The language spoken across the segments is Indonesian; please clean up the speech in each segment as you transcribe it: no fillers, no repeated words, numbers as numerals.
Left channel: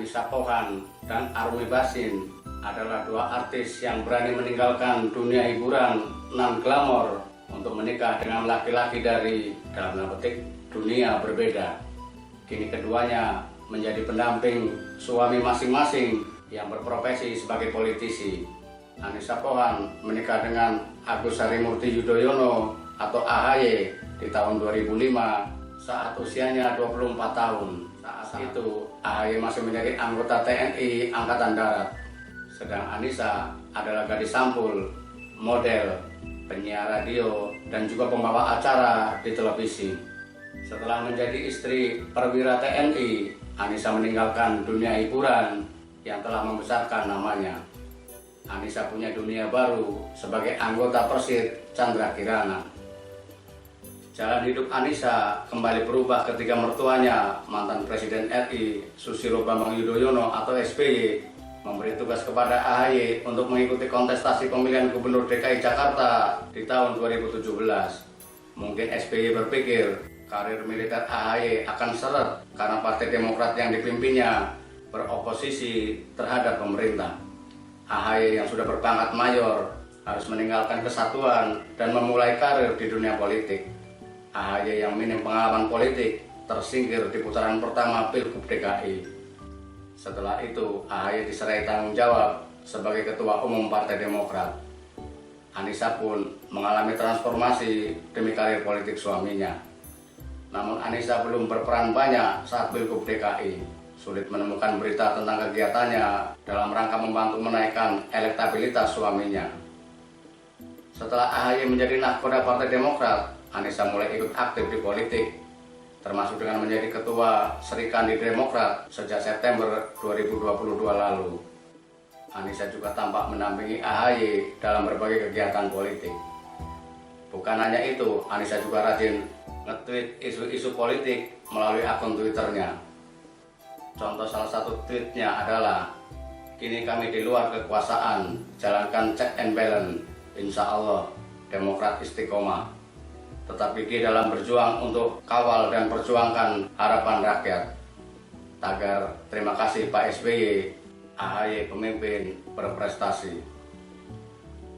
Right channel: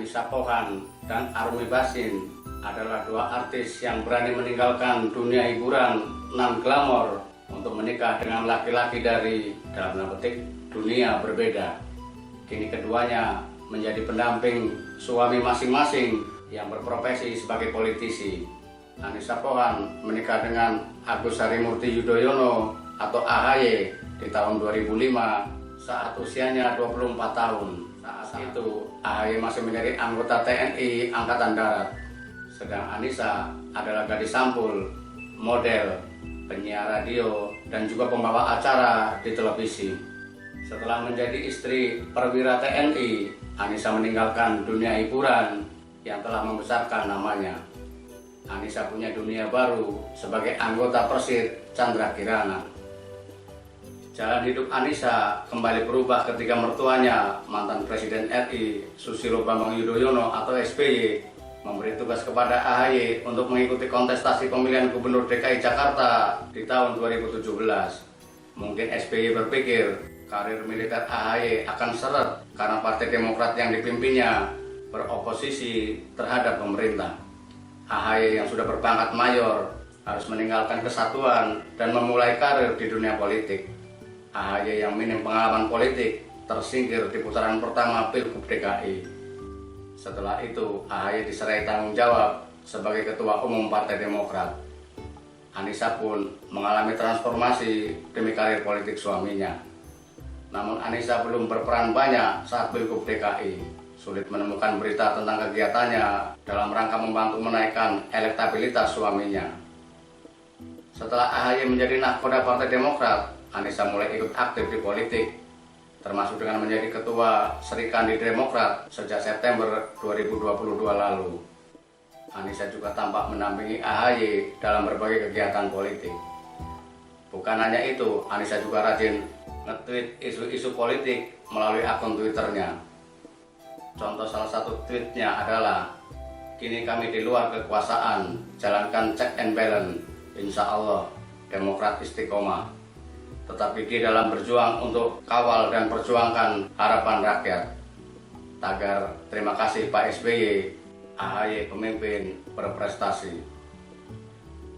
Anissa Pohan dan Arumi Bachsin adalah dua artis yang berani meninggalkan dunia hiburan non-glamor untuk menikah dengan laki-laki dari, dalam tanda petik, dunia berbeda. Kini keduanya menjadi pendamping suami masing-masing yang berprofesi sebagai politisi. Anissa Pohan menikah dengan Agus Harimurti Yudhoyono atau AHY di tahun 2005 saat usianya 24 tahun. Saat itu AHY masih menjadi anggota TNI Angkatan Darat. Sedang Anissa adalah gadis sampul, model, penyiar radio, dan juga pembawa acara di televisi. Setelah menjadi istri perwira TNI, Anissa meninggalkan dunia hiburan yang telah membesarkan namanya. Anissa punya dunia baru sebagai anggota Persid Chandra Kirana. Jalan hidup Anissa kembali berubah ketika mertuanya, mantan Presiden RI Susilo Bambang Yudhoyono atau SBY, memberi tugas kepada AHY untuk mengikuti kontestasi pemilihan Gubernur DKI Jakarta di tahun 2017. Mungkin SBY berpikir karir militer AHY akan seret karena Partai Demokrat yang dipimpinnya beroposisi terhadap pemerintah. AHY yang sudah berpangkat mayor harus meninggalkan kesatuan dan memulai karir di dunia politik. AHY yang minim pengalaman politik tersingkir di putaran pertama Pilgub DKI. Setelah itu, AHY diserai tanggung jawab sebagai Ketua Umum Partai Demokrat. Anissa pun mengalami transformasi demi karir politik suaminya. Namun Anissa belum berperan banyak saat Pilgub DKI. Sulit menemukan berita tentang kegiatannya dalam rangka membantu menaikkan elektabilitas suaminya. Setelah AHY menjadi nahkoda Partai Demokrat, Anissa mulai ikut aktif di politik, termasuk dengan menjadi ketua Serikandi Demokrat sejak September 2022 lalu. Anissa juga tampak mendampingi AHY dalam berbagai kegiatan politik. Bukan hanya itu, Anissa juga rajin nge-tweet isu-isu politik melalui akun Twitternya. Contoh salah satu tweetnya adalah, "Kini kami di luar kekuasaan, jalankan check and balance, insya Allah Demokrat istiqomah. Tetap gigih dalam berjuang untuk kawal dan perjuangkan harapan rakyat. Tagar terima kasih Pak SBY, AHY pemimpin berprestasi."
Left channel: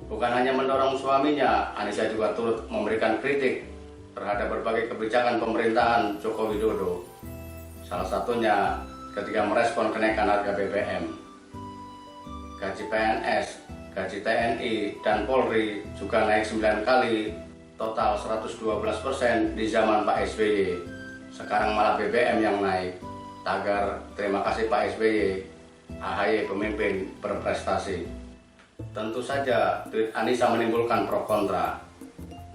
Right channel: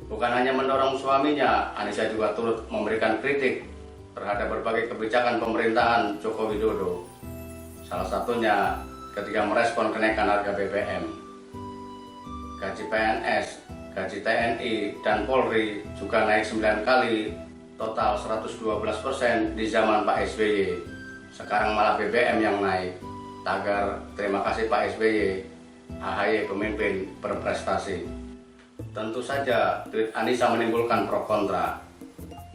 Bukan hanya mendorong suaminya, Anissa juga turut memberikan kritik terhadap berbagai kebijakan pemerintahan Joko Widodo. Salah satunya ketika merespon kenaikan harga BBM. Gaji PNS, gaji TNI, dan Polri juga naik 9 kali, total 112% di zaman Pak SBY. Sekarang malah BBM yang naik. Tagar terima kasih Pak SBY, AHY pemimpin berprestasi. Tentu saja tweet Anissa menimbulkan pro kontra.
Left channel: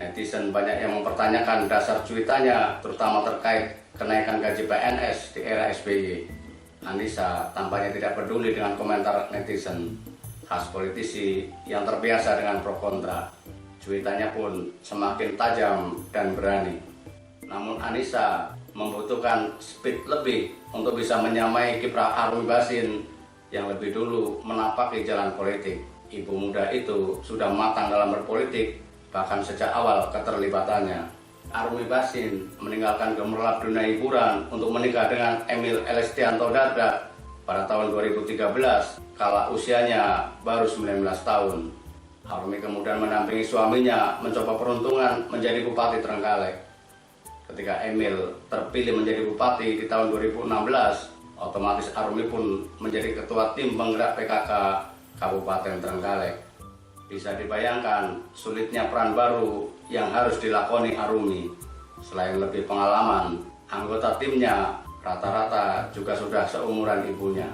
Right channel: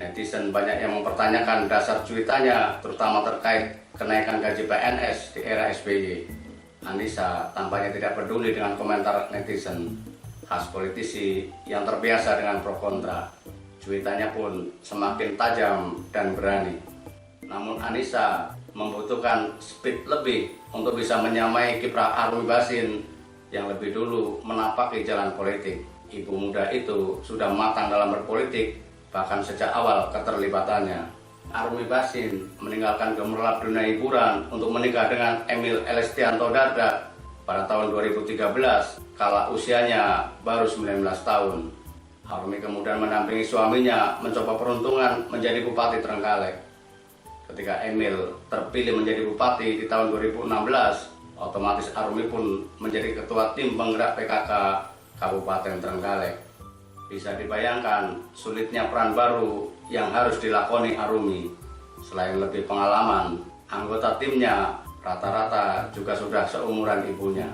Netizen banyak yang mempertanyakan dasar cuitannya, terutama terkait kenaikan gaji PNS di era SBY. Anissa tampaknya tidak peduli dengan komentar netizen, khas politisi yang terbiasa dengan pro kontra. Cuitannya pun semakin tajam dan berani. Namun Anissa membutuhkan speed lebih untuk bisa menyamai kiprah Arumi Bachsin yang lebih dulu menapaki jalan politik. Ibu muda itu sudah matang dalam berpolitik, bahkan sejak awal keterlibatannya. Arumi Bachsin meninggalkan gemerlap dunia hiburan untuk menikah dengan Emil Elestianto Dardak pada tahun 2013 kala usianya baru 19 tahun. Arumi kemudian mendampingi suaminya mencoba peruntungan menjadi Bupati Trenggalek. Ketika Emil terpilih menjadi Bupati di tahun 2016, otomatis Arumi pun menjadi ketua tim penggerak PKK Kabupaten Trenggalek. Bisa dibayangkan sulitnya peran baru yang harus dilakoni Arumi. Selain lebih pengalaman, anggota timnya rata-rata juga sudah seumuran ibunya.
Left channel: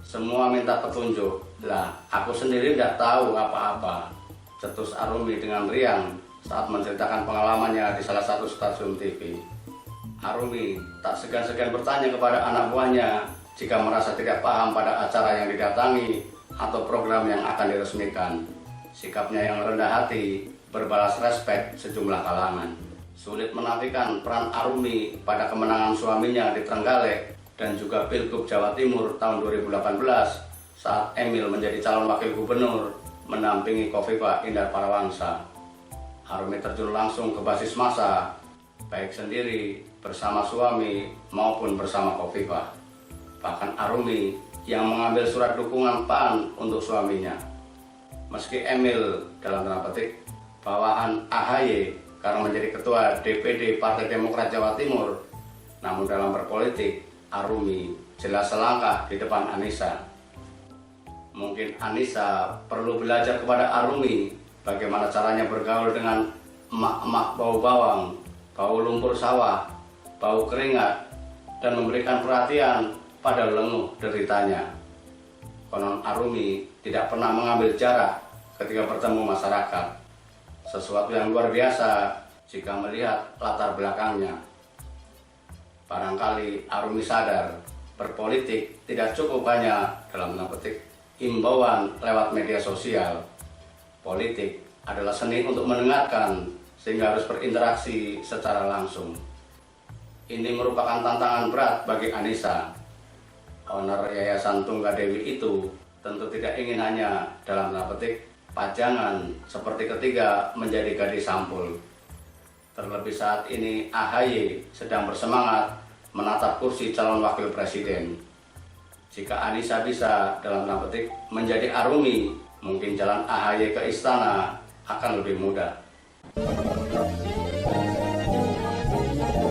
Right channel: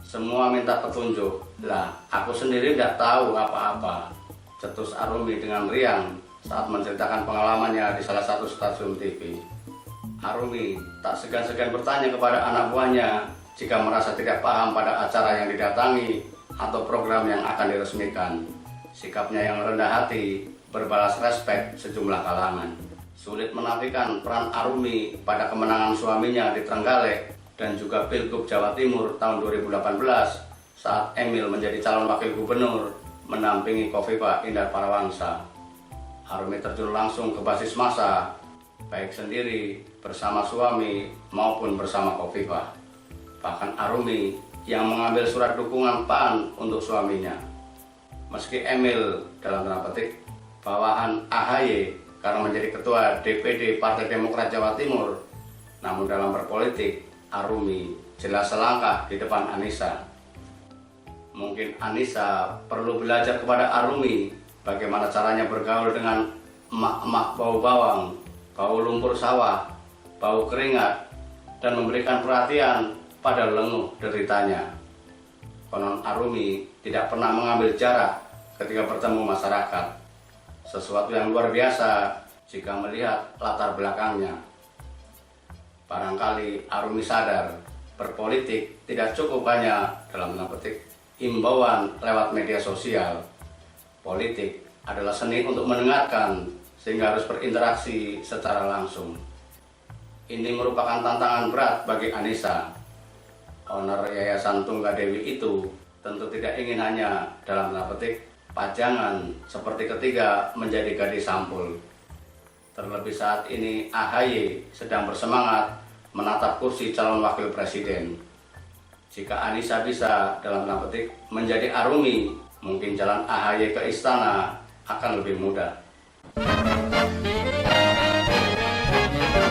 Semua minta petunjuk. Lah, aku sendiri tidak tahu apa-apa, cetus Arumi dengan riang saat menceritakan pengalamannya di salah satu stasiun TV. Arumi tak segan-segan bertanya kepada anak buahnya jika merasa tidak paham pada acara yang didatangi atau program yang akan diresmikan. Sikapnya yang rendah hati berbalas respek sejumlah kalangan. Sulit menafikan peran Arumi pada kemenangan suaminya di Trenggalek dan juga Pilgub Jawa Timur tahun 2018 saat Emil menjadi calon wakil gubernur mendampingi Khofifah Indar Parawangsa. Arumi terjun langsung ke basis massa, baik sendiri, bersama suami, maupun bersama Khofifah. Bahkan Arumi yang mengambil surat dukungan PAN untuk suaminya. Meski Emil dalam tanda petik bawahan AHY karena menjadi ketua DPD Partai Demokrat Jawa Timur, namun dalam berpolitik Arumi jelas selangkah di depan Anissa. Mungkin Anissa perlu belajar kepada Arumi bagaimana caranya bergaul dengan emak-emak bau bawang, bau lumpur sawah, bau keringat, dan memberikan perhatian pada lenguh deritanya. Konon Arumi tidak pernah mengambil jarak ketika bertemu masyarakat, sesuatu yang luar biasa jika melihat latar belakangnya. Barangkali Arumi sadar berpolitik tidak cukup hanya dalam tanda petik himbauan lewat media sosial. Politik adalah seni untuk mendengarkan, sehingga harus berinteraksi secara langsung. Ini merupakan tantangan berat bagi Anissa. Owner Yayasan Tunggadewi itu tentu tidak ingin hanya dalam tanda petik pajangan seperti ketiga menjadi gadis sampul. Terlebih saat ini AHY sedang bersemangat menatap kursi calon wakil presiden. Jika Anissa bisa dalam tanda petik menjadi Arumi, mungkin jalan AHY ke istana akan lebih mudah.